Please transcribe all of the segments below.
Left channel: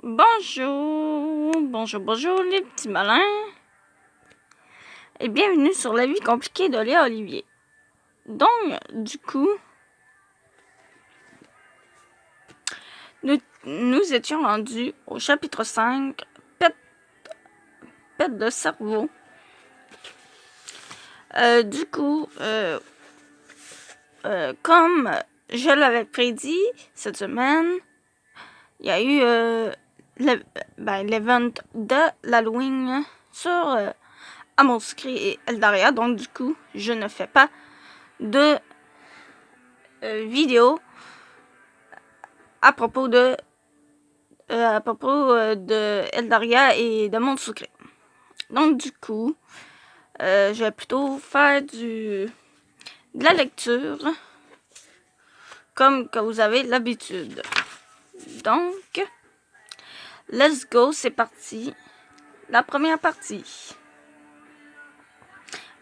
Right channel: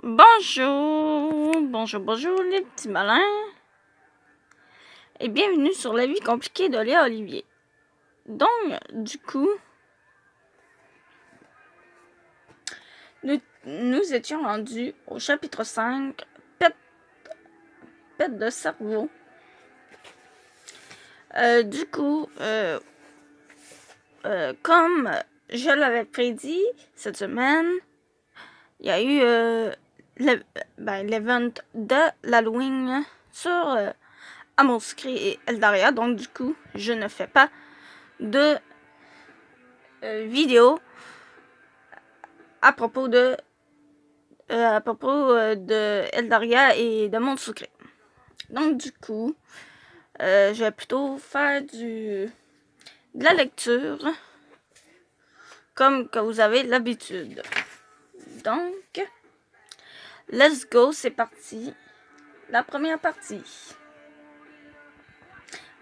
Bonjour les petits malins et bienvenue sur la vie compliquée de Léa Olivier. Donc, du coup, nous étions rendus au chapitre 5, pète de cerveau. Comme je l'avais prédit cette semaine, il y a eu l'event de l'Halloween sur Amour Secret et Eldaria. Donc du coup, je ne fais pas de vidéo à propos de Eldaria et de Monde Secret. Donc du coup, je vais plutôt faire de la lecture comme que vous avez l'habitude. Donc, let's go, c'est parti. La première partie.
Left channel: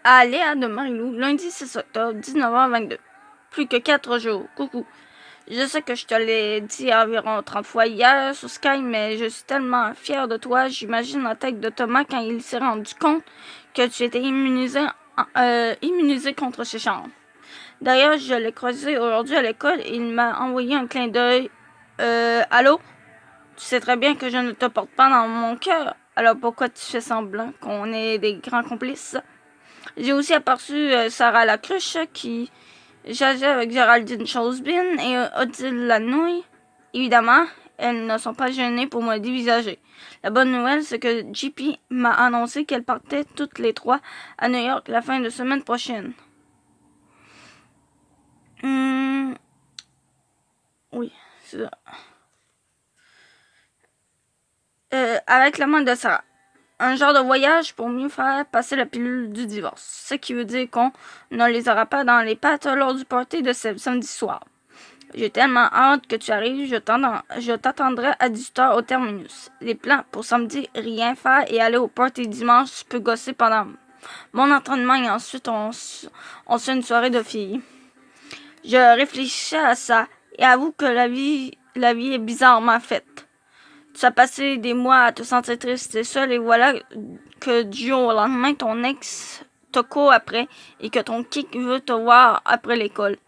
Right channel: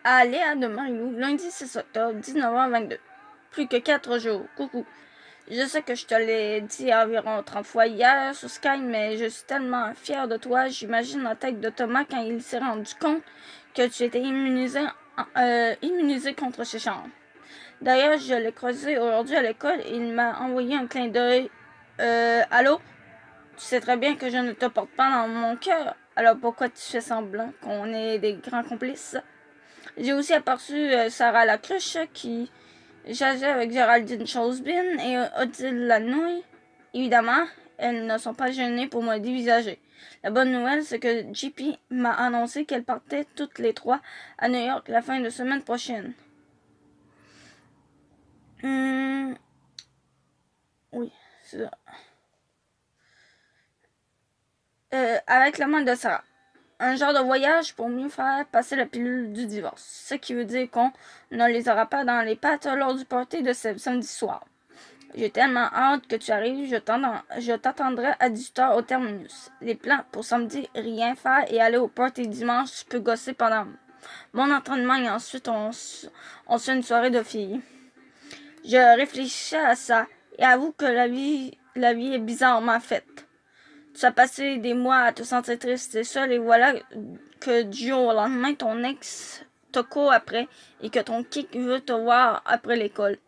À Léa de Marilou, lundi 6 octobre, 19h22. Plus que 4 jours. Coucou. Je sais que je te l'ai dit environ 30 fois hier sur Sky, mais je suis tellement fière de toi. J'imagine la tête de Thomas quand il s'est rendu compte que tu étais immunisé contre ces chambres. D'ailleurs, je l'ai croisé aujourd'hui à l'école et il m'a envoyé un clin d'œil. Allô? Tu sais très bien que je ne te porte pas dans mon cœur. Alors pourquoi tu fais semblant qu'on est des grands complices? J'ai aussi aperçu Sarah Lacruche qui jasait avec Géraldine Chosebin et Odile Lanouille. Évidemment, elles ne sont pas gênées pour me dévisager. La bonne nouvelle, c'est que JP m'a annoncé qu'elles partaient toutes les trois à New York la fin de semaine prochaine. Oui, c'est ça. Avec la main de Sarah. Un genre de voyage pour mieux faire passer la pilule du divorce. Ce qui veut dire qu'on ne les aura pas dans les pattes lors du party de samedi soir. J'ai tellement hâte que tu arrives, je t'attendrai à 18h au terminus. Les plans pour samedi, rien faire et aller au party dimanche, je peux gosser pendant mon entraînement et ensuite on se fait une soirée de filles. Je réfléchissais à ça et avoue que la vie est bizarrement faite. Tu as passé des mois à te sentir triste et seule et voilà que du jour au lendemain, ton ex te court après et que ton kick veut te voir après l'école.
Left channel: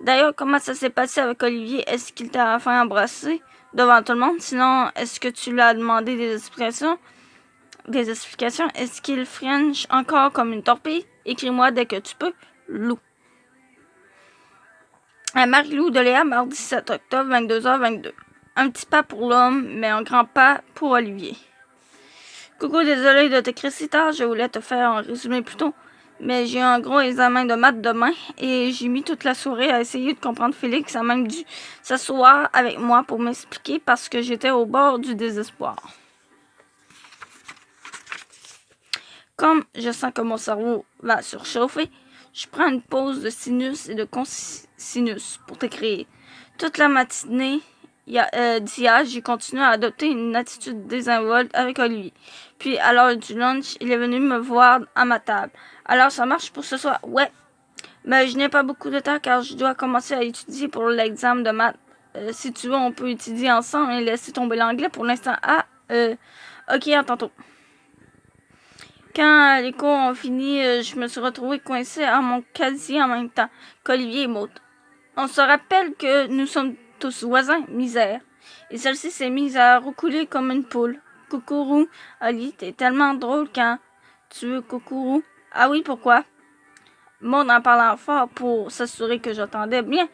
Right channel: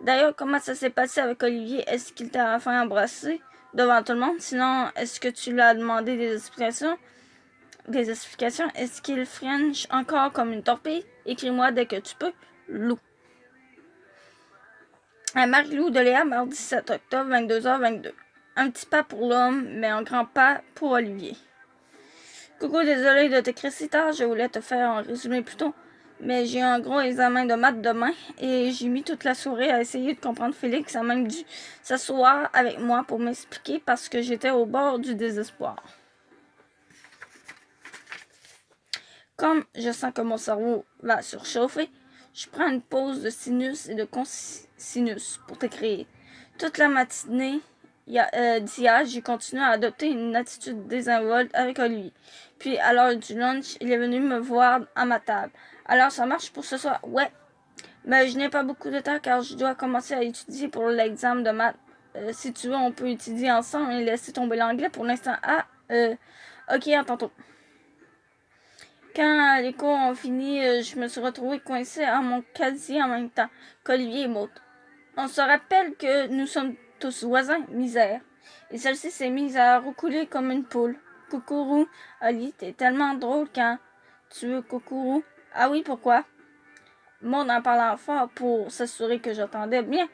D'ailleurs, comment ça s'est passé avec Olivier? Est-ce qu'il t'a enfin embrassé devant tout le monde? Sinon, est-ce que tu lui as demandé des explications? Est-ce qu'il french encore comme une torpille? Écris-moi dès que tu peux. Lou. À Marie-Lou de Léa, mardi 7 octobre, 22h22. Un petit pas pour l'homme, mais un grand pas pour Olivier. Coucou, désolé de t'écrire si tard, je voulais te faire un résumé plus tôt, mais j'ai un gros examen de maths demain et j'ai mis toute la soirée à essayer de comprendre Félix, a même dû s'asseoir avec moi pour m'expliquer parce que j'étais au bord du désespoir. Comme je sens que mon cerveau va surchauffer, je prends une pause de sinus et de cosinus pour t'écrire. Toute la matinée d'hier, j'ai continué à adopter une attitude désinvolte avec Olivier. Puis, à l'heure du lunch, il est venu me voir à ma table. Alors, ça marche pour ce soir? Ouais. Mais je n'ai pas beaucoup de temps car je dois commencer à étudier pour l'examen de maths. Si tu veux, on peut étudier ensemble et laisser tomber l'anglais pour l'instant. Ok, à tantôt. Quand les cours ont fini, je me suis retrouvée coincée à mon casier en même temps qu'Olivier et Maud. On se rappelle que nous sommes tous voisins, misère. Et celle-ci s'est mise à roucouler comme une poule. Coucourou, Oli, t'es tellement drôle quand tu veux coucourou. Ah oui, pourquoi? Maud en parlant fort pour s'assurer que j'entendais bien.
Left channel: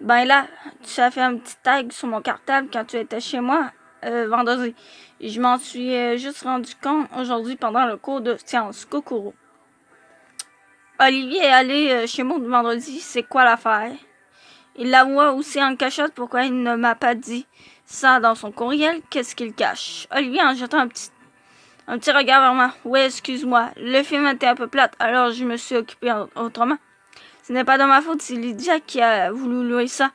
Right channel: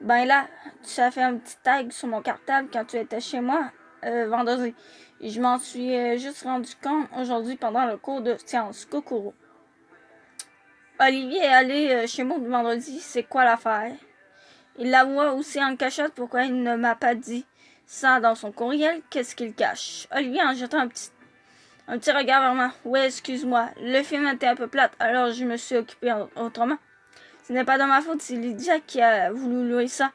Ben là, tu as fait un petit tag sur mon cartable quand tu étais chez moi vendredi. Et je m'en suis juste rendu compte aujourd'hui pendant le cours de sciences. Coucourou. Olivier est allé chez Maud vendredi, c'est quoi l'affaire? Il l'avoua aussi en cachette pourquoi il ne m'a pas dit ça dans son courriel. Qu'est-ce qu'il cache? Olivier en jetant un petit regard vers moi. Oui, excuse-moi. Le film était un peu plate, alors je me suis occupée autrement. Ce n'est pas de ma faute, c'est Lydia qui a voulu louer ça.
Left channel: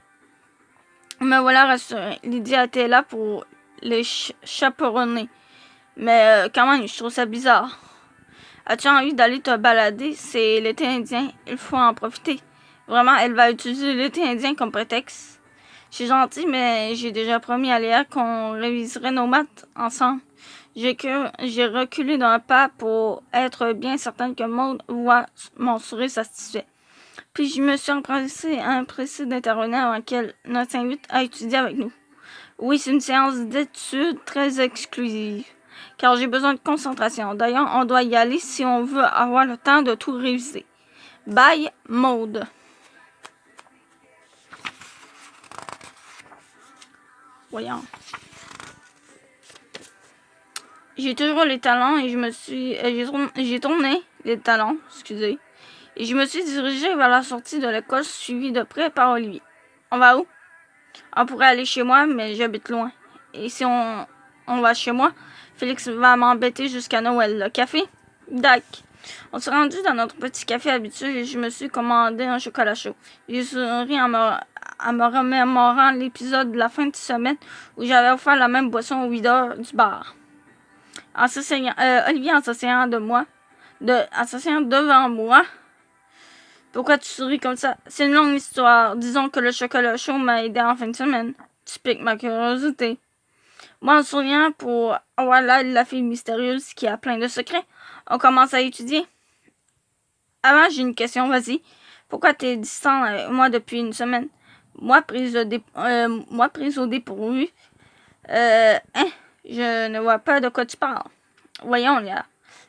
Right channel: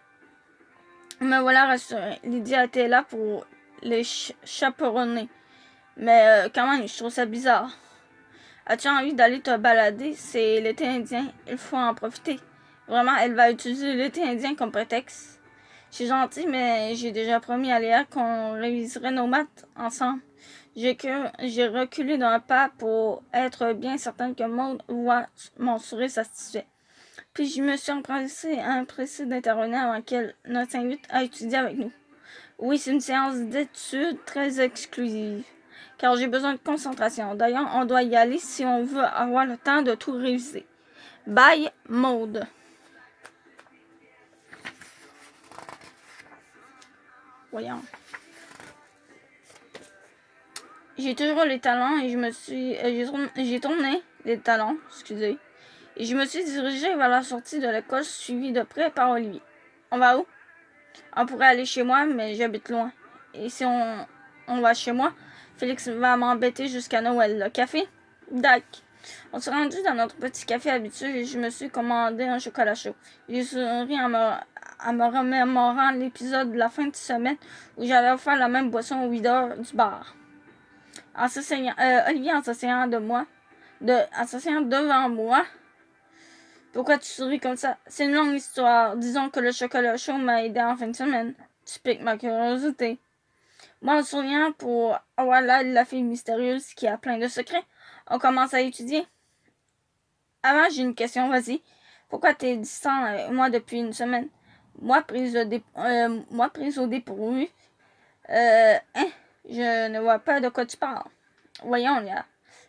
Me voilà rassurée. Lydia était là pour les chaperonner. Mais quand même, je trouve ça bizarre. As-tu envie d'aller te balader? C'est l'été indien. Il faut en profiter. Vraiment, elle va utiliser l'été indien comme prétexte. C'est gentil, mais j'ai déjà promis à Léa qu'on réviserait nos maths ensemble. J'ai reculé d'un pas pour être bien certaine que Maud voit mon sourire satisfait. Puis je me suis empressée d'intervenir avant qu'elle ne s'invite à étudier avec nous. Oui, c'est une séance d'études très exclusive, car j'ai besoin de concentration. D'ailleurs, on doit y aller si on veut avoir le temps de tout réviser. Bye, Maude. Voyons. J'ai toujours les talons et j'ai tourné les talons, excusez. Et je me suis dirigée vers la sortie de l'école, suivie de près par Olivier. On va où? On pourrait aller chez moi, mais j'habite loin. Et si on va chez moi, Félix va m'embêter jusqu'à Noël. Le café? Dac. On s'est rendu dans notre petit café habituel et je me suis commandé un chocolat chaud. J'ai souri en me remémorant l'épisode de la fin de semaine où j'avais offert la même boisson au videur du bar. Olivier, en s'asseyant devant moi. Pourquoi tu souris comme ça? C'est une longue histoire. Disons que le chocolat chaud m'a aidé en fin de semaine. Tu piques ma curiosité. Moi, en souriant pour avoir l'aide de la fille mystérieuse qui a plein de secrets, on commence à étudier. Avant, j'ai une question, vas-y. Pourquoi t'es distant avec moi depuis une semaine? Moi, prise au dépourvu. Je ne vois pas de quoi tu parles. Voyons, Léa.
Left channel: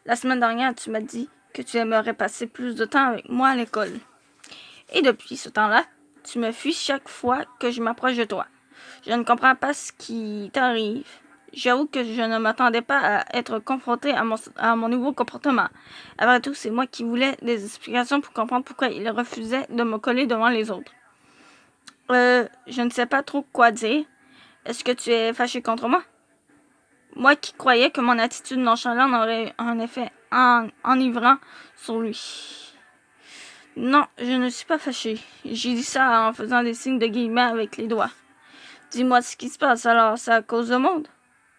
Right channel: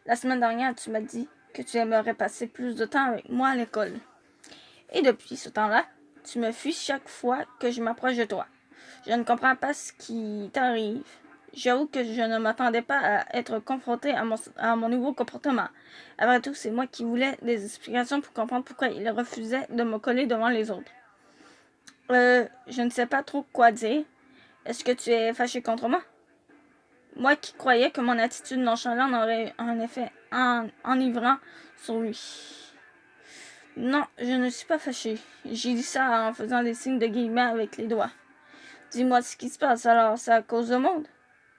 La semaine dernière, tu m'as dit que tu aimerais passer plus de temps avec moi à l'école. Et depuis ce temps-là, tu me fuis chaque fois que je m'approche de toi. Je ne comprends pas ce qui t'arrive. J'avoue que je ne m'attendais pas à être confrontée à mon nouveau comportement. Après tout, c'est moi qui voulais des explications pour comprendre pourquoi il refusait de me coller devant les autres. Je ne sais pas trop quoi dire. Est-ce que tu es fâché contre moi? Moi qui croyais que mon attitude nonchalante aurait un effet enivrant sur lui. Non, je ne suis pas fâchée. J'ai dit ça en faisant des signes de guillemets avec les doigts. Dis-moi ce qui se passe alors, c'est à cause de Maud?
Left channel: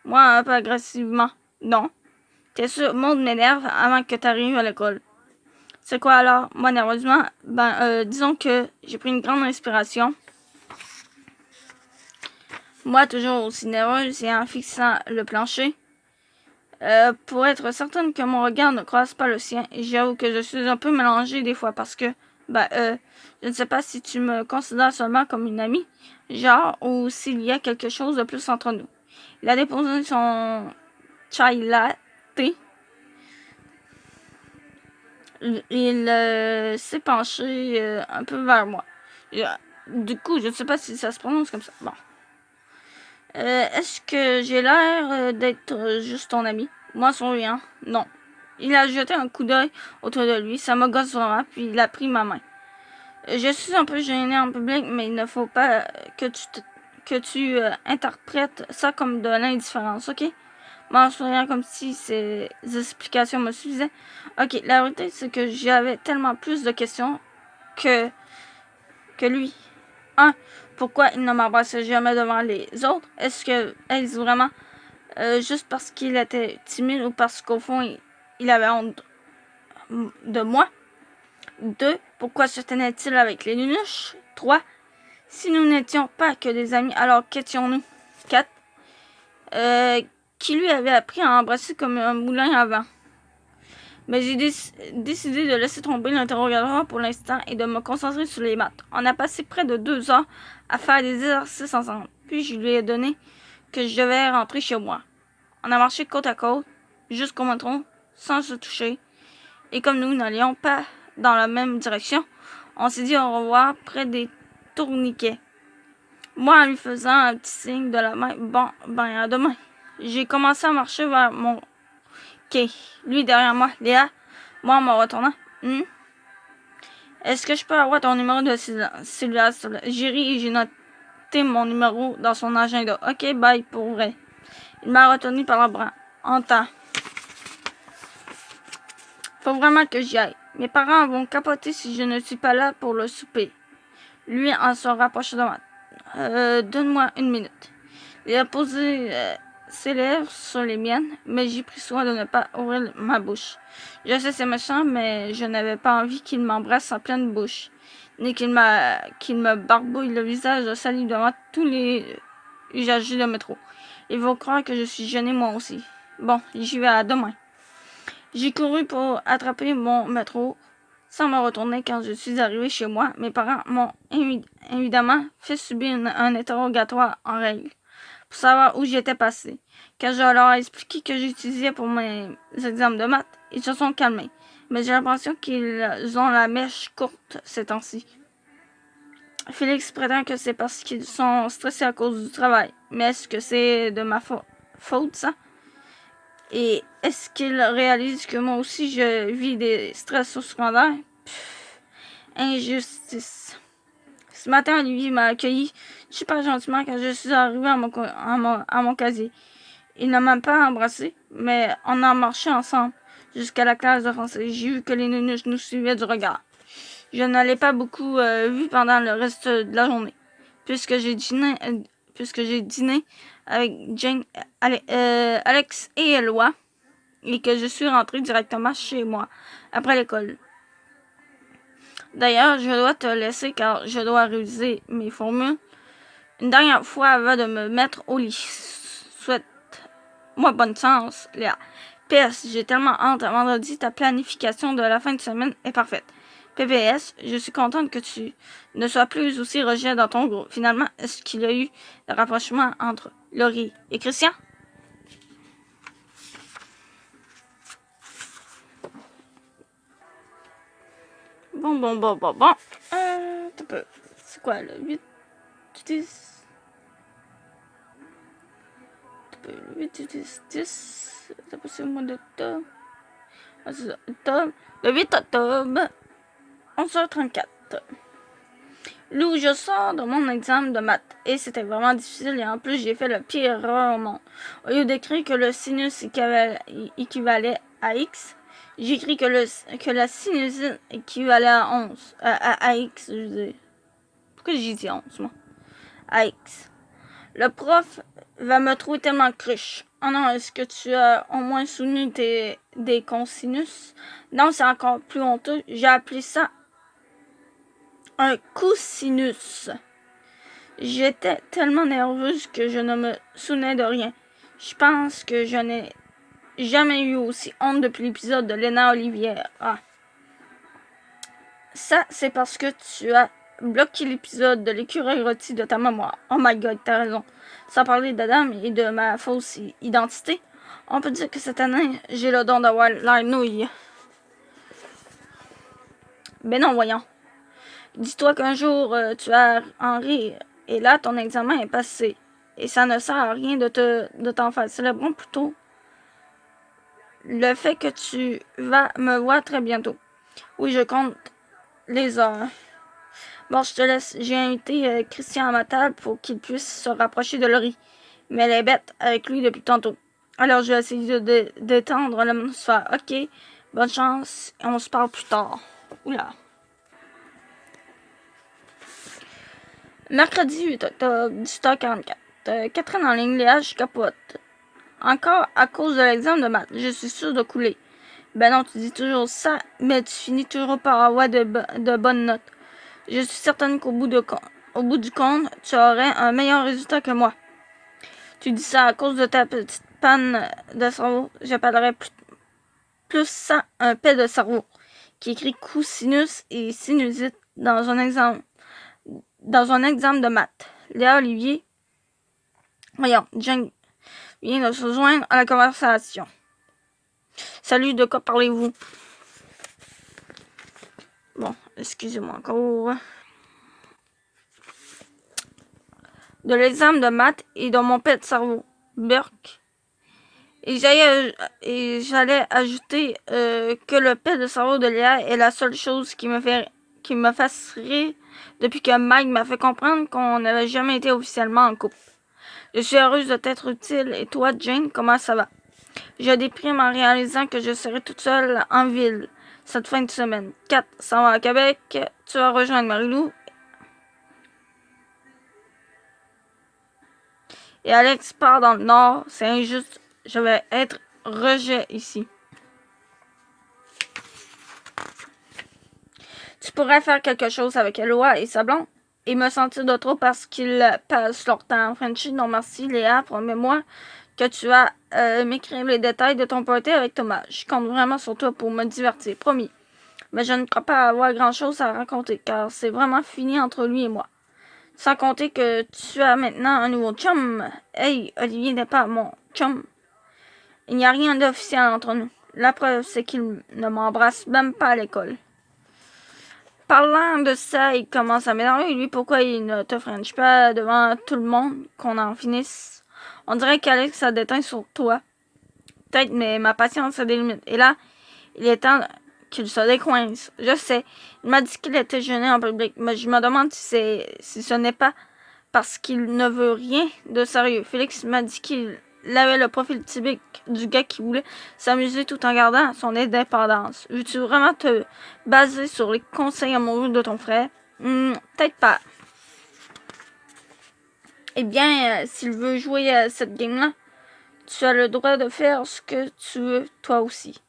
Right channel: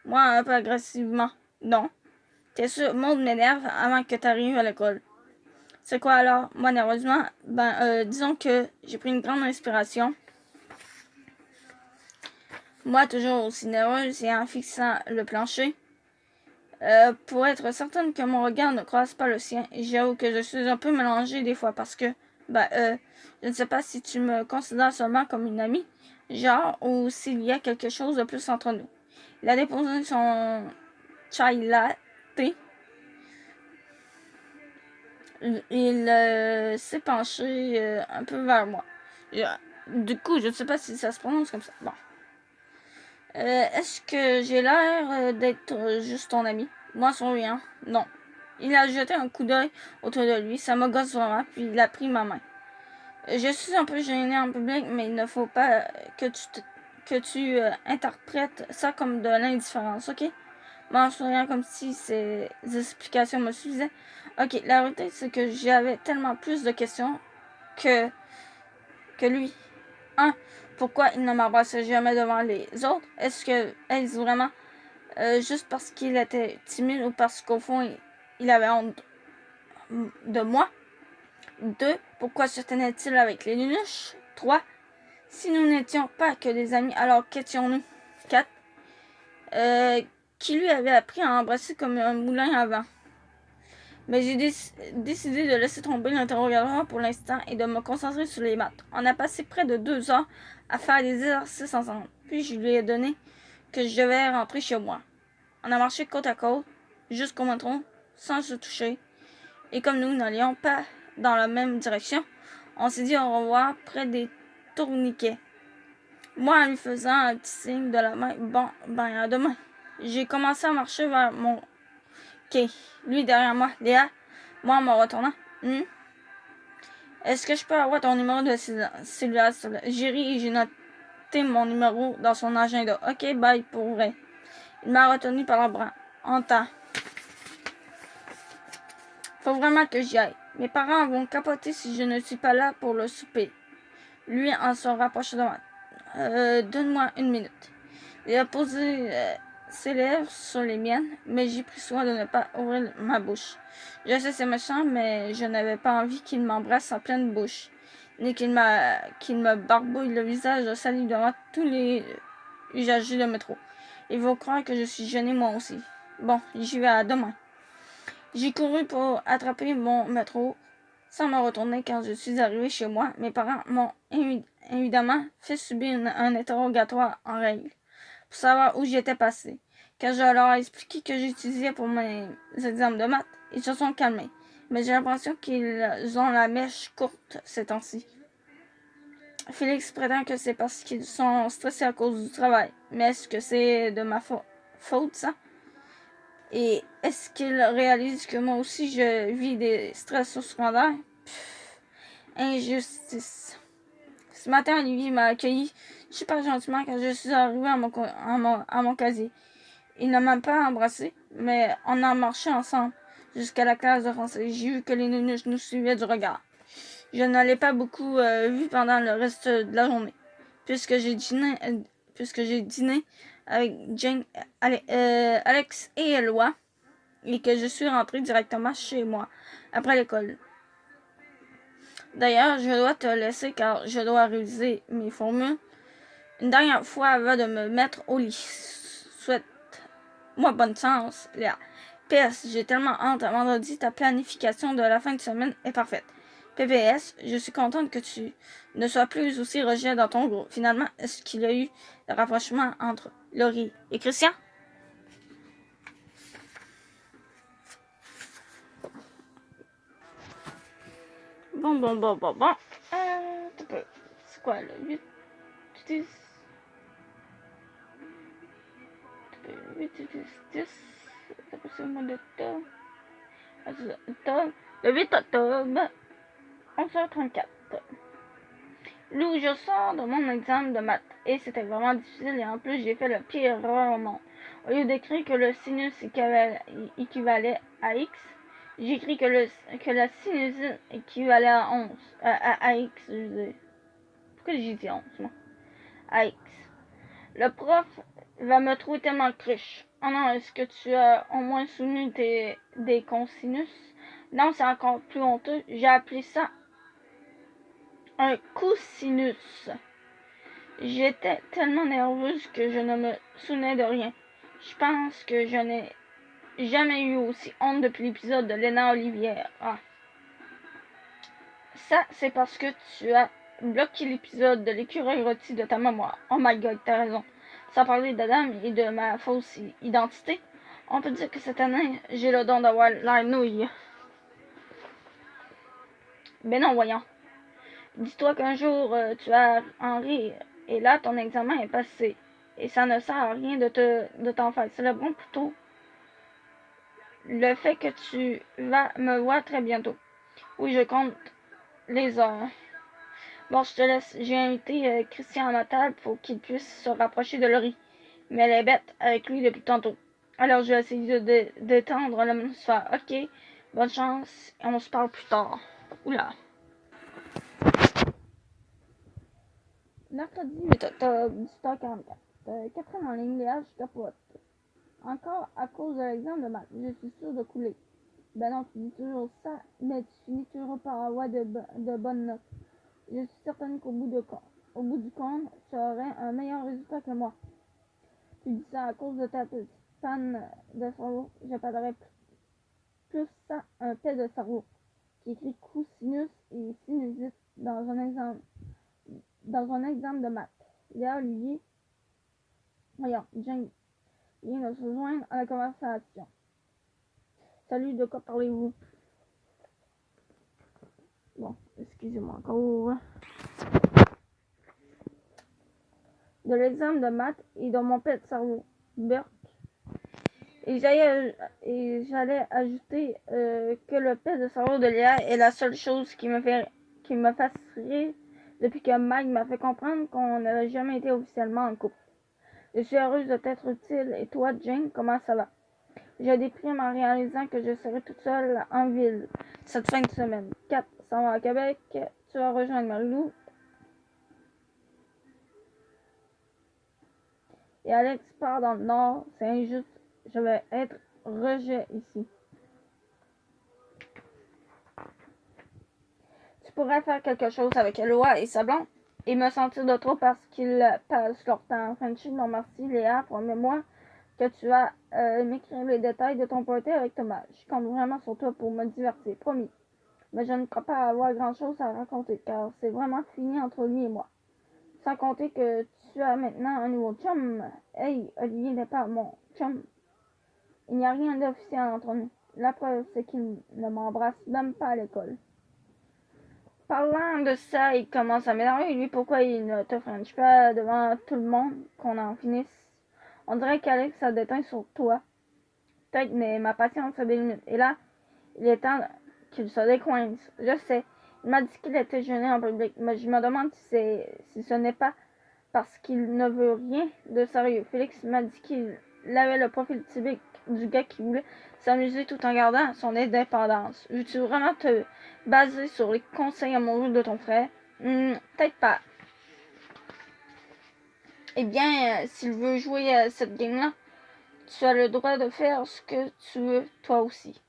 Moi, un peu agressivement. Non. T'es sûr, Maud m'énerve avant que t'arrives à l'école. C'est quoi alors? Moi, nerveusement, disons que j'ai pris une grande inspiration. Moi, toujours aussi nerveuse et en fixant le plancher. Pour être certaine que mon regard ne croise pas le sien. Et j'avoue que je suis un peu mélangée des fois parce que, je ne sais pas si tu me considères seulement comme une amie, genre, ou s'il y a quelque chose de plus entre nous. Il a déposé son chai latte. Il s'est penché un peu vers moi. Du coup, je ne sais pas si ça se prononce comme ça. Bon. Est-ce que j'ai l'air d'être juste ton ami? Moi, sans rien. Non. Il a jeté un coup d'œil autour de lui. Ça me gosse vraiment, puis il a pris ma main. Je suis un peu gênée en public, mais il ne faut pas que tu interprètes ça comme de l'indifférence, ok? Moi, en souriant comme si ces explications me suffisaient. Ok, la vérité, c'est que j'avais tellement plus de questions que lui. 1. Pourquoi il ne m'embrassait jamais devant les autres? Est-ce vraiment juste parce qu'il était timide ou parce qu'au fond, il avait honte de moi? 2. Pourquoi se tenait-il avec les nunuches? 3. Si nous n'étions pas que des amis, alors qu'étions-nous? 4. Qui lui avait appris à embrasser comme un moulin à vent? Mais j'ai décidé de laisser tomber l'interrogatoire pour l'instant et de me concentrer sur les maths. On a passé près de 2 heures à faire des exercices ensemble. Puis je lui ai donné que je devais rentrer chez moi. On a marché côte à côte jusqu'au métro sans se toucher. Et comme nous n'allions pas dans la même direction, on s'est dit au revoir près des tourniquets. Moi, en lui faisant un petit signe de la main, bon, à demain. J'ai commencé à marcher vers mon quai. Lui derrière moi, Léa, moi en me retournant. Est-ce que je peux avoir ton numéro de cellulaire? J'ai ri et j'ai noté mon numéro dans son agenda. Ok, bye, pour vrai. Il m'a retenu par le bras. En temps. Faut vraiment que j'y aille. Mes parents vont capoter si je ne suis pas là pour le souper. Lui en se rapproche de moi. Donne-moi une minute. Il a posé ses lèvres sur les miennes, mais j'ai pris soin de ne pas ouvrir ma bouche. Je sais c'est méchant, mais je n'avais pas envie qu'il m'embrasse en pleine bouche. ni qu'il me barbouille le visage sali devant tous les usagers de métro. Ils vont croire que je suis gênée moi aussi. Bon, j'y vais à demain. J'ai couru pour attraper mon métro sans me retourner quand je suis arrivée chez moi. Mes parents m'ont évidemment fait subir un interrogatoire en règle pour savoir où j'étais passée. Quand je leur ai expliqué que j'utilisais pour mes examens de maths, ils se sont calmés. Mais j'ai l'impression qu'ils ont la mèche courte ces temps-ci. Félix prétend que c'est parce qu'ils sont stressés à cause du travail. Mais est-ce que c'est de ma faute, ça? Et est-ce qu'ils réalisent que moi aussi je vis des stress secondaires? Injustice. Ce matin, Olivier m'a accueilli super gentiment quand je suis arrivée à mon casier. Il ne m'a pas embrassé, mais on a marché ensemble jusqu'à la classe de français. J'ai vu que les nounous nous suivaient du regard. Je ne l'ai pas beaucoup vu pendant le reste de la journée, puisque j'ai dîné avec Jane, Alex et Eloi, et que je suis rentrée directement chez moi après l'école. D'ailleurs, je dois te laisser car je dois réviser mes formules une dernière fois avant de me mettre au lit. Souhaite-moi bonne chance, Léa. PS, j'ai tellement hâte à vendredi, ta planification de la fin de semaine est parfaite. PPS, je suis contente que tu ne sois plus aussi rejet dans ton groupe. Finalement, est-ce qu'il y a eu le rapprochement entre Laurie et Christian? Bon. C'est quoi, le 8, 10? 10. C'est pas le mois d'octobre. Ah, c'est ça, octobre. Le 8 octobre, 11h34. Lou, je sors de mon examen de maths et c'était vraiment difficile et en plus j'ai fait le pire erreur au monde. Au lieu d'écrire que le sinus équivalait à x, j'ai écrit que la sinusite équivalait à 11. À x, je veux dire. Pourquoi j'ai dit 11, moi? À x. Le prof va me trouver tellement cruche. Oh non, est-ce que tu as au moins souvenu des cosinus? Non, c'est encore plus honteux. J'ai appelé ça un cosinus. J'étais tellement nerveuse que je ne me souvenais de rien. Je pense que je n'ai jamais eu aussi honte depuis l'épisode de Léna Olivière. Ah. Ça, c'est parce que tu as bloqué l'épisode de l'écureuil rôti de ta mémoire. Oh my god, t'as raison. Sans parler d'Adam et de ma fausse identité, on peut dire que cette année, j'ai le don d'avoir l'air nouille. Ben non, voyons. Dis-toi qu'un jour, tu vas en rire. Et là, ton examen est passé. Et ça ne sert à rien de t'en faire. Célébrons plutôt le fait que tu vas me voir très bientôt. Oui, je compte les heures. Bon, je te laisse. J'ai invité Christian à ma table pour qu'il puisse se rapprocher de Laurie. Mais elle est bête avec lui depuis tantôt. Alors, je vais essayer de détendre l'atmosphère. Ok, bonne chance et on se parle plus tard. Oula. Mercredi 8 octobre, 18h44. Catherine en ligne, Léa, je capote. Encore à cause de l'examen de maths, je suis sûre de couler. Ben non, tu dis toujours ça, mais tu finis toujours par avoir de bonnes notes. Je suis certaine qu'au bout du compte, tu aurais un meilleur résultat que moi. Tu dis ça à cause de ta petite panne de cerveau. J'appellerais plus ça un paix de cerveau, qui écrit cosinus et sinusite dans un examen de maths. Léa Olivier, voyons, Jane vient de se joindre à la conversation. Salut, de quoi parlez-vous? Bon, excusez-moi encore. De l'examen de maths et de mon pet de cerveau, Burke. Et j'allais ajouter que le pet de cerveau de Léa est la seule chose qui me fasse rire depuis que Mike m'a fait comprendre qu'on n'avait jamais été officiellement en couple. Je suis heureuse de t'être utile. Et toi, Jane, comment ça va? Je déprime en réalisant que je serai toute seule en ville cette fin de semaine. 4 s'en va à Québec. Tu vas rejoindre Marilou. Et Alex part dans le nord. C'est injuste. Je vais être rejet ici. Tu pourrais faire quelque chose avec Eloi et sa blonde et me sentir de trop parce qu'ils passent leur temps en Frenchie. Non merci Léa, promets-moi que tu vas m'écrire les détails de ton party avec Thomas. Je compte vraiment sur toi pour me divertir, promis. Mais je ne crois pas avoir grand-chose à raconter car c'est vraiment fini entre lui et moi. Sans compter que tu as maintenant un nouveau chum. Hey, Olivier n'est pas mon chum. Il n'y a rien d'officiel entre nous. La preuve, c'est qu'il ne m'embrasse même pas à l'école. Parlant de ça, il commence à m'énerver. Lui, pourquoi il ne te french pas devant tout le monde, qu'on en finisse? On dirait qu'Alex a déteint sur toi. Peut-être, mais ma patience a des limites. Et là, il est temps qu'il se décoince. Je sais. Il m'a dit qu'il était gêné en public, mais je me demande si ce n'est pas parce qu'il ne veut rien de sérieux. Félix m'a dit qu'il avait le profil typique du gars qui voulait s'amuser tout en gardant son indépendance. Veux-tu vraiment te baser sur les conseils amoureux de ton frère? Peut-être pas. Eh bien, s'il veut jouer à cette game-là, tu as le droit de faire ce que tu veux, toi aussi.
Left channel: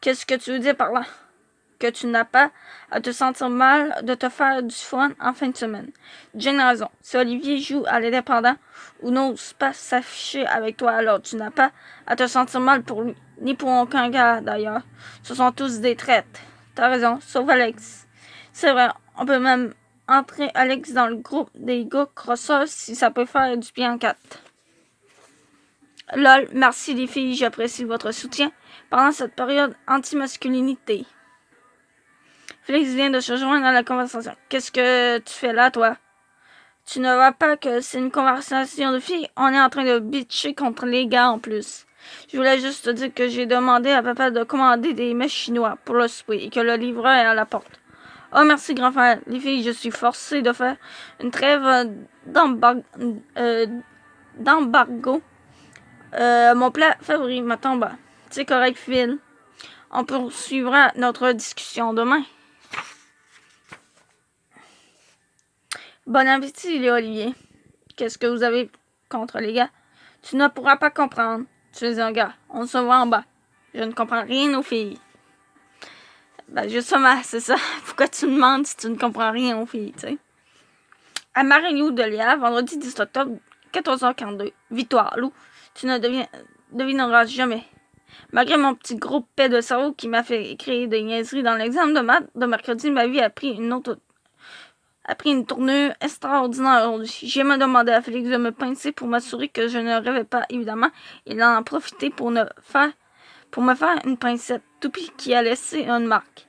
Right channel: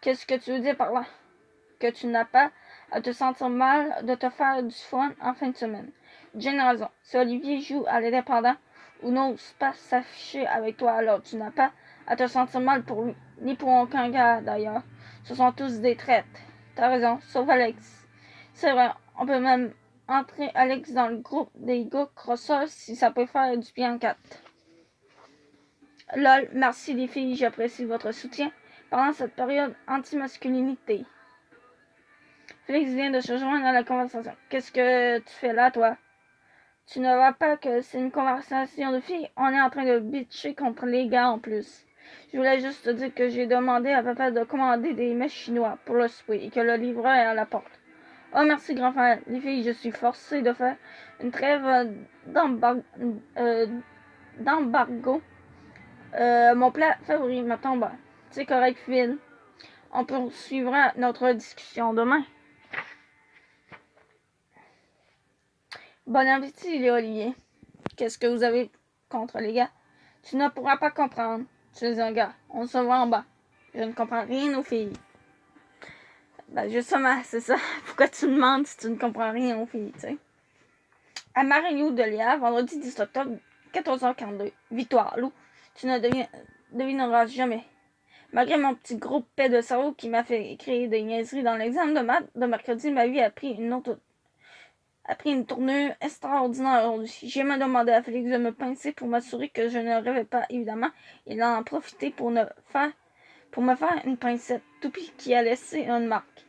Qu'est-ce que tu veux dire par là? Que tu n'as pas à te sentir mal de te faire du fun en fin de semaine. Jane a raison. Si Olivier joue à l'indépendant ou n'ose pas s'afficher avec toi, alors tu n'as pas à te sentir mal pour lui, ni pour aucun gars d'ailleurs. Ce sont tous des traites. T'as raison, sauf Alex. C'est vrai, on peut même entrer Alex dans le groupe des gars crosseurs si ça peut faire du bien en 4. Lol, merci les filles, j'apprécie votre soutien pendant cette période anti-masculinité. Félix vient de se joindre à la conversation. Qu'est-ce que tu fais là, toi? Tu ne vois pas que c'est une conversation de filles? On est en train de bitcher contre les gars en plus. Je voulais juste te dire que j'ai demandé à papa de commander des mets chinois pour le souper et que le livreur est à la porte. Oh, merci, grand frère. Les filles, je suis forcée de faire une trêve d'embargo. Mon plat favori, ma tomba. C'est correct, Phil. On poursuivra notre discussion demain. Bon appétit, les Olivier. Qu'est-ce que vous avez contre les gars? Tu ne pourras pas comprendre. Tu es un gars. On se voit en bas. Je ne comprends rien aux filles. Ben, justement, c'est ça. Pourquoi tu me demandes si tu ne comprends rien aux filles, tu sais? À Mario de Léa, vendredi 10 octobre, 14h42. Victoire, Lou. Tu ne devineras jamais. Malgré mon petit gros paix de cerveau qui m'a fait écrire des niaiseries dans l'examen de maths de mercredi, ma vie a pris une tournure extraordinaire aujourd'hui. J'ai même demandé à Félix de me pincer pour m'assurer que je ne rêvais pas, évidemment. Il en a profité pour me faire une pincette toupie qui a laissé une marque.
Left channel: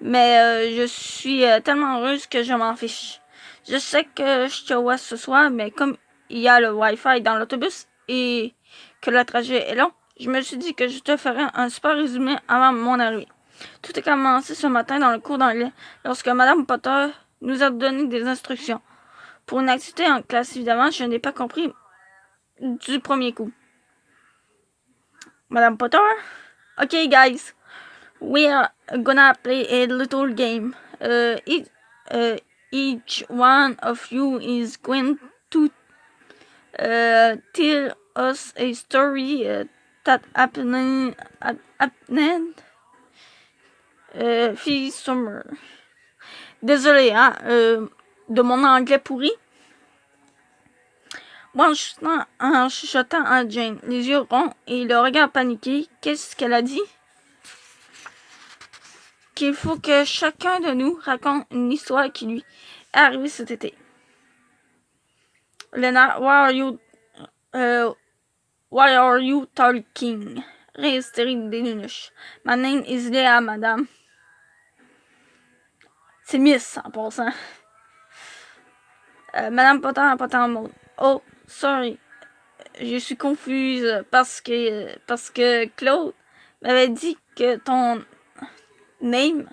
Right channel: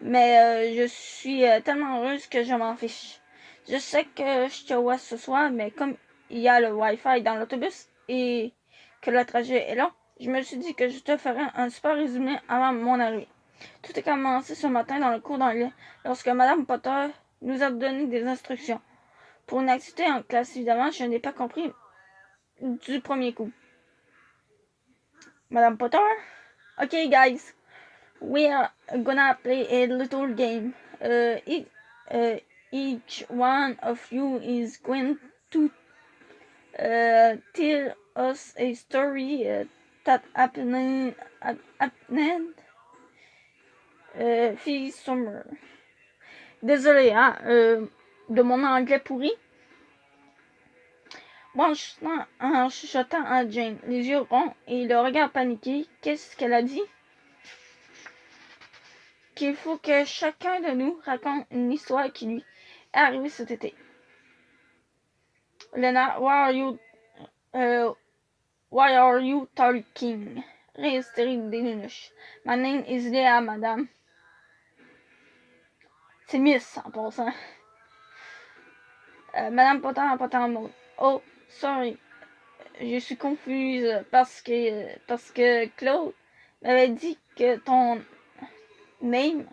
Mais je suis tellement heureuse que je m'en fiche. Je sais que je te vois ce soir, mais comme il y a le Wi-Fi dans l'autobus et que le trajet est long, je me suis dit que je te ferais un super résumé avant mon arrivée. Tout a commencé ce matin dans le cours d'anglais lorsque Madame Potter nous a donné des instructions. Pour une activité en classe, évidemment, je n'ai pas compris du premier coup. Madame Potter? Okay, guys. We are gonna play a little game. Each one of you is going to tell us a story that happened this summer. Désolé, de mon anglais pourri. Moi, en chuchotant à Jane, les yeux ronds et le regard paniqué, qu'est-ce qu'elle a dit? Qu'il faut que chacun de nous raconte une histoire qui lui est arrivée cet été. Lena, why are you talking? Rire hystérique des nunuches. My name is Léa, madame. C'est Miss, en passant. Madame Potter n'a pas tant de mots. Oh, sorry. Je suis confuse parce que Claude m'avait dit que ton name,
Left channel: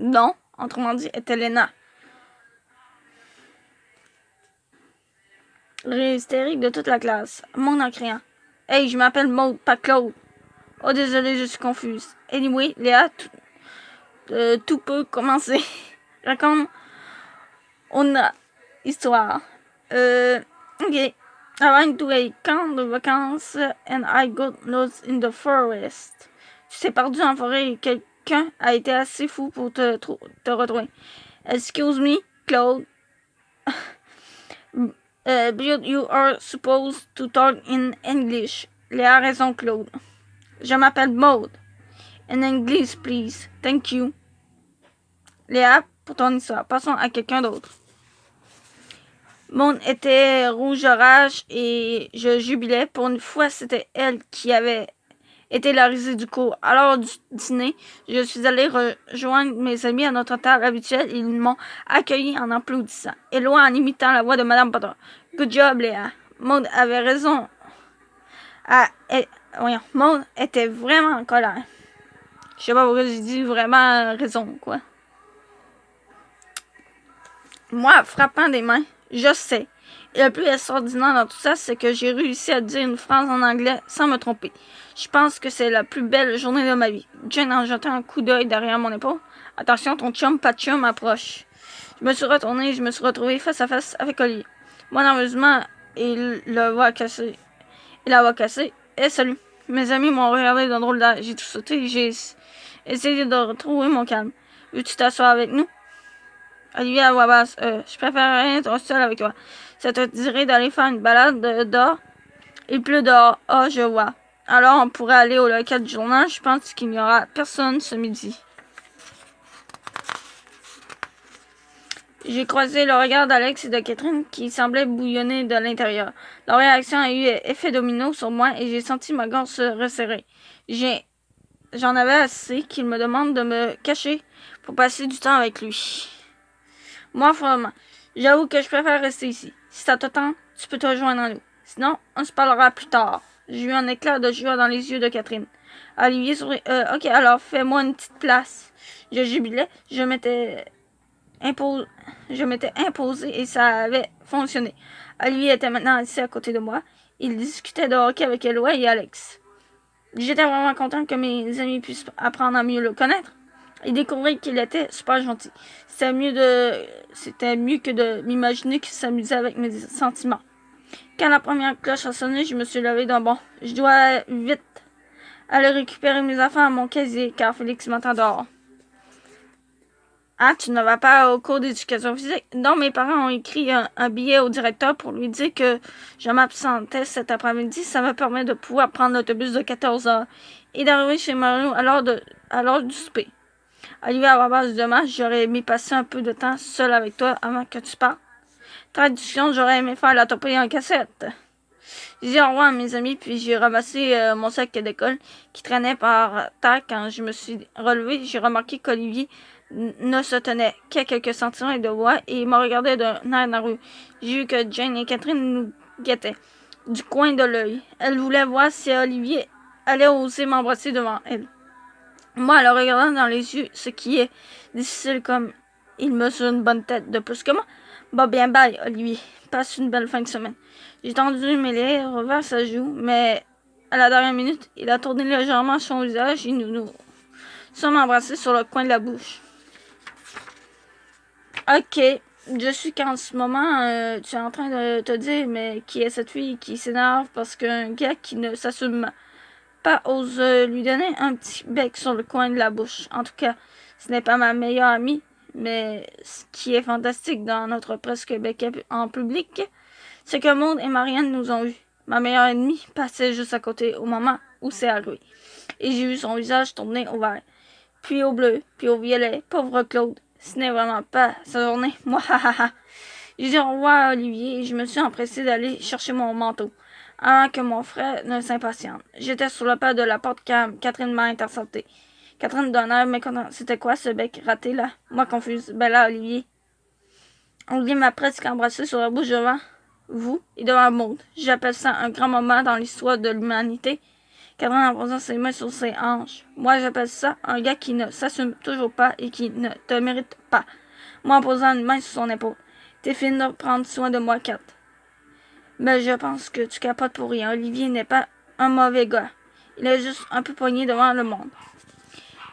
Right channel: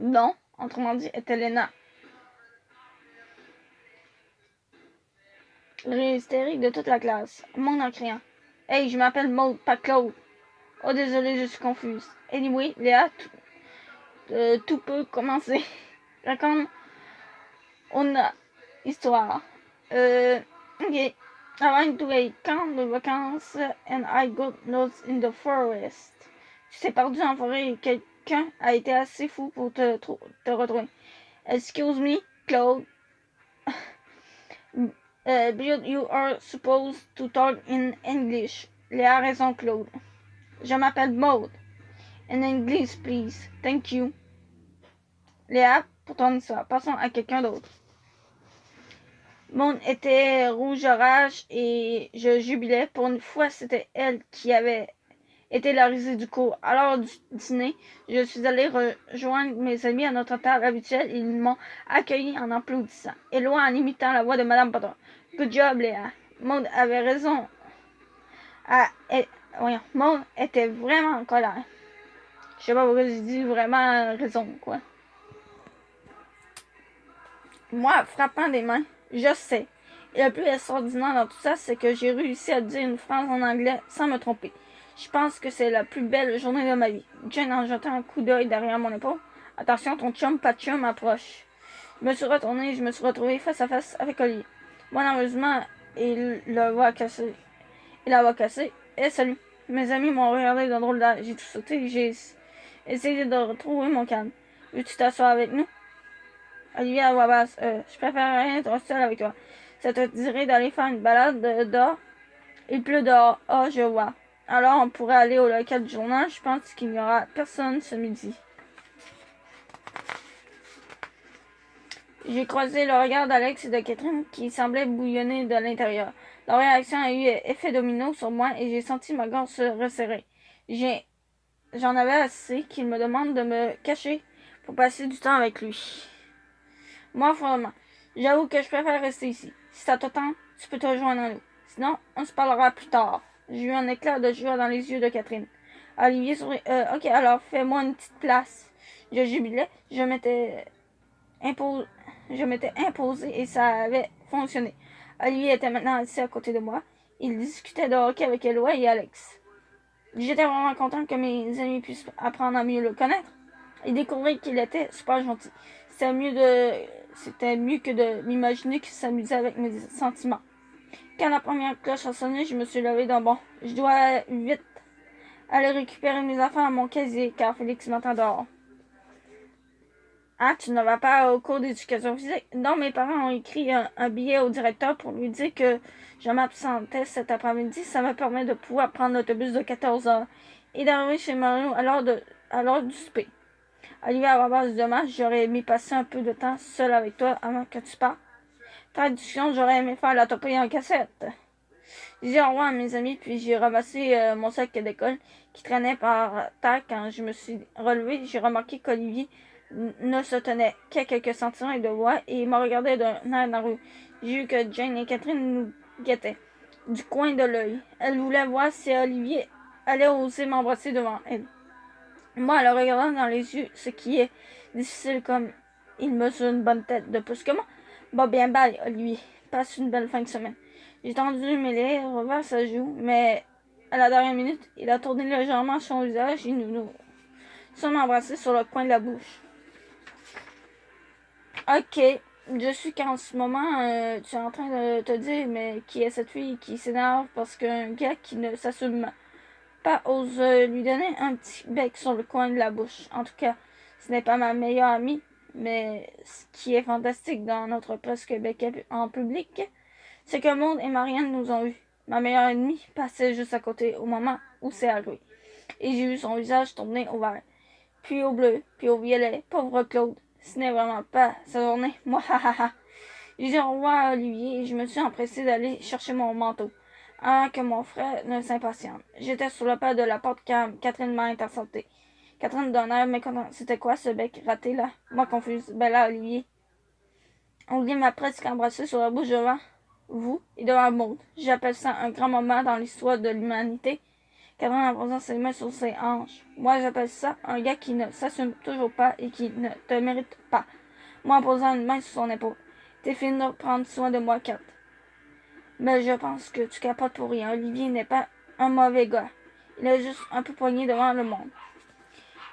non, autrement dit, était Lena. Rire hystérique de toute la classe. Monde en criant. Hey, je m'appelle Maud, pas Claude. Oh, désolé, je suis confuse. Anyway, Léa, tout peut commencer. Raconte une histoire. Ok. I went to a camp de vacances and I got lost in the forest. Tu t'es perdu en forêt quelqu'un a été assez fou pour te retrouver. Excuse me, Claude. But you are supposed to talk in English. Léa a raison, Claude. Je m'appelle Maud. In English, please. Thank you. Léa, pour ton histoire. Passons à quelqu'un d'autre. Maud était rouge de rage et je jubilais. Pour une fois, c'était elle qui avait été la risée du cours. À l'heure du dîner, je suis allée rejoindre mes amis à notre table habituelle et ils m'ont accueilli en applaudissant. Et loin en imitant la voix de Madame Potter. Good job, Léa. Maud avait raison. Maud était vraiment en colère. Je sais pas pourquoi j'ai dit vraiment raison, quoi. Moi, frappant des mains, je sais. Et le plus extraordinaire dans tout ça, c'est que j'ai réussi à dire une phrase en anglais sans me tromper. Je pense que c'est la plus belle journée de ma vie. Jane en jetant un coup d'œil derrière mon épaule. Attention, ton chum, pas de chum, approche. Je me suis retournée et je me suis retrouvée face à face avec Olivier. Moi, nerveusement, il la voix cassée. Et salut. Mes amis m'ont regardé d'un drôle d'air. J'ai tout sauté et j'ai essayé de retrouver mon calme. Veux-tu t'asseoir avec nous? Olivier à voix basse. Je préférerais être seul avec toi. Ça te dirait d'aller faire une balade dehors? Il pleut dehors. Ah, je vois. Alors, on pourrait aller au local du journal. Je pense qu'il n'y aura personne ce midi. J'ai croisé le regard d'Alex et de Catherine qui semblaient bouillonner de l'intérieur. Leur réaction a eu effet domino sur moi et j'ai senti ma gorge se resserrer. J'en avais assez qu'il me demande de me cacher pour passer du temps avec lui. Moi, vraiment, j'avoue que je préfère rester ici. Si ça te tente, tu peux te rejoindre à nous. Sinon, on se parlera plus tard. J'ai eu un éclair de joie dans les yeux de Catherine. Olivier sourit. Ok, alors fais-moi une petite place. Je jubilais. Je m'étais imposé et ça avait fonctionné. Olivier était maintenant assis à côté de moi. Il discutait de hockey avec Eloi et Alex. J'étais vraiment content que mes amis puissent apprendre à mieux le connaître et découvrir qu'il était super gentil. C'était mieux que de m'imaginer qu'il s'amusait avec mes sentiments. Quand la première cloche a sonné, je me suis levée d'un bond. Je dois vite aller récupérer mes affaires à mon casier, car Félix m'attend dehors. Ah, tu ne vas pas au cours d'éducation physique? Non, mes parents ont écrit un billet au directeur pour lui dire que je m'absentais cet après-midi. Ça me permet de pouvoir prendre l'autobus de 14 heures et d'arriver chez Mario à l'heure du souper. Olivier, à la base de match, j'aurais aimé passer un peu de temps seul avec toi avant que tu partes. Traduction, j'aurais aimé faire la topée en cassette. J'ai dit au revoir à mes amis, puis j'ai ramassé mon sac d'école qui traînait par terre. Quand je me suis relevée, j'ai remarqué qu'Olivier ne se tenait qu'à quelques centimètres de moi et il me regardait d'un air de la rue. J'ai vu que Jane et Catherine nous guettaient du coin de l'œil. Elles voulaient voir si Olivier allait oser m'embrasser devant elle. Moi, le regardant dans les yeux, ce qui est difficile comme il mesure une bonne tête de plus que moi. Bah bien bye, Olivier. Passe une belle fin de semaine. J'ai tendu mes lèvres vers sa joue, mais à la dernière minute, il a tourné légèrement son visage et nous sommes embrassés sur le coin de la bouche. Ok, je suis qu'en ce moment, tu es en train de te dire, mais qui est cette fille qui s'énerve parce qu'un gars qui ne s'assume pas ose lui donner un petit bec sur le coin de la bouche. En tout cas, ce n'est pas ma meilleure amie, mais ce qui est fantastique dans notre presque bec en public, c'est que Maud et Marianne nous ont vus. Ma meilleure ennemie passait juste à côté au moment où c'est arrivé. Et j'ai vu son visage tourner au vert, puis au bleu, puis au violet. Pauvre Claude, ce n'est vraiment pas sa journée. Moi, hahaha. J'ai dit au revoir à Olivier et je me suis empressée d'aller chercher mon manteau avant que mon frère ne s'impatiente. J'étais sur le pas de la porte quand Catherine m'a intercepté. Catherine d'un air mécontent. C'était quoi ce bec raté là? Moi confuse. Ben là, Olivier. Olivier m'a presque embrassé sur la bouche devant vous et devant Maud. J'appelle ça un grand moment dans l'histoire de l'humanité. Catherine en posant ses mains sur ses hanches. Moi, j'appelle ça un gars qui ne s'assume toujours pas et qui ne te mérite pas. Moi, en posant une main sur son épaule. T'es fine de prendre soin de moi, Kat. Mais je pense que tu capotes pour rien. Olivier n'est pas un mauvais gars. Il est juste un peu poigné devant le monde.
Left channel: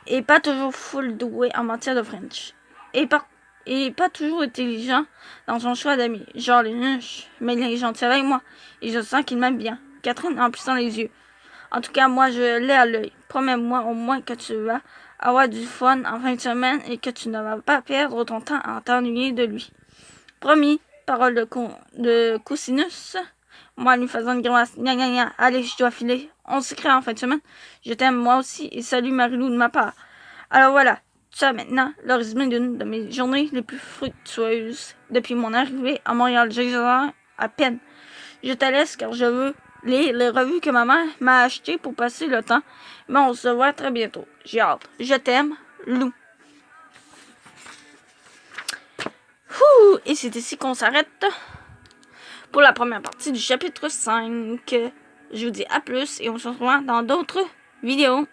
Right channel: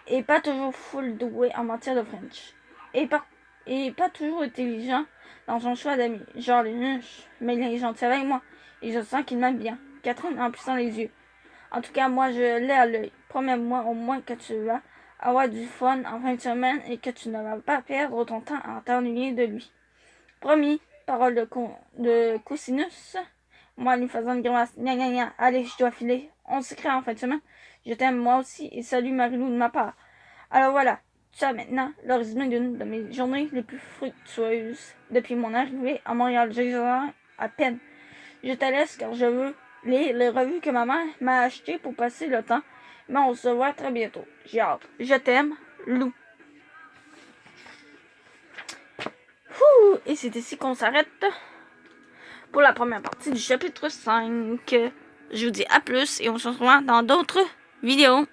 Et pas toujours full doué en matière de French. Et pas toujours intelligent dans son choix d'amis. Genre les nuches. Mais il est gentil avec moi. Et je sens qu'il m'aime bien. Catherine en plissant les yeux. En tout cas, moi, je l'ai à l'œil. Promets-moi au moins que tu vas avoir du fun en fin de semaine et que tu ne vas pas perdre ton temps à t'ennuyer de lui. Promis, parole de Cosinus. Moi, lui faisant une grimace. Gna gna gna. Allez, je dois filer. On s'écrit en fin de semaine. Je t'aime moi aussi et salut Marilou de ma part. Alors voilà, ça maintenant, le résumé d'une de mes journées les plus fructueuses depuis mon arrivée à Montréal. J'ai à peine. Je te laisse car je veux lire les revues que ma mère m'a achetées pour passer le temps. Mais on se voit très bientôt. J'ai hâte. Je t'aime, Lou. Et c'est ici qu'on s'arrête pour la première partie du chapitre 5. Je vous dis à plus et on se revoit dans d'autres vidéos.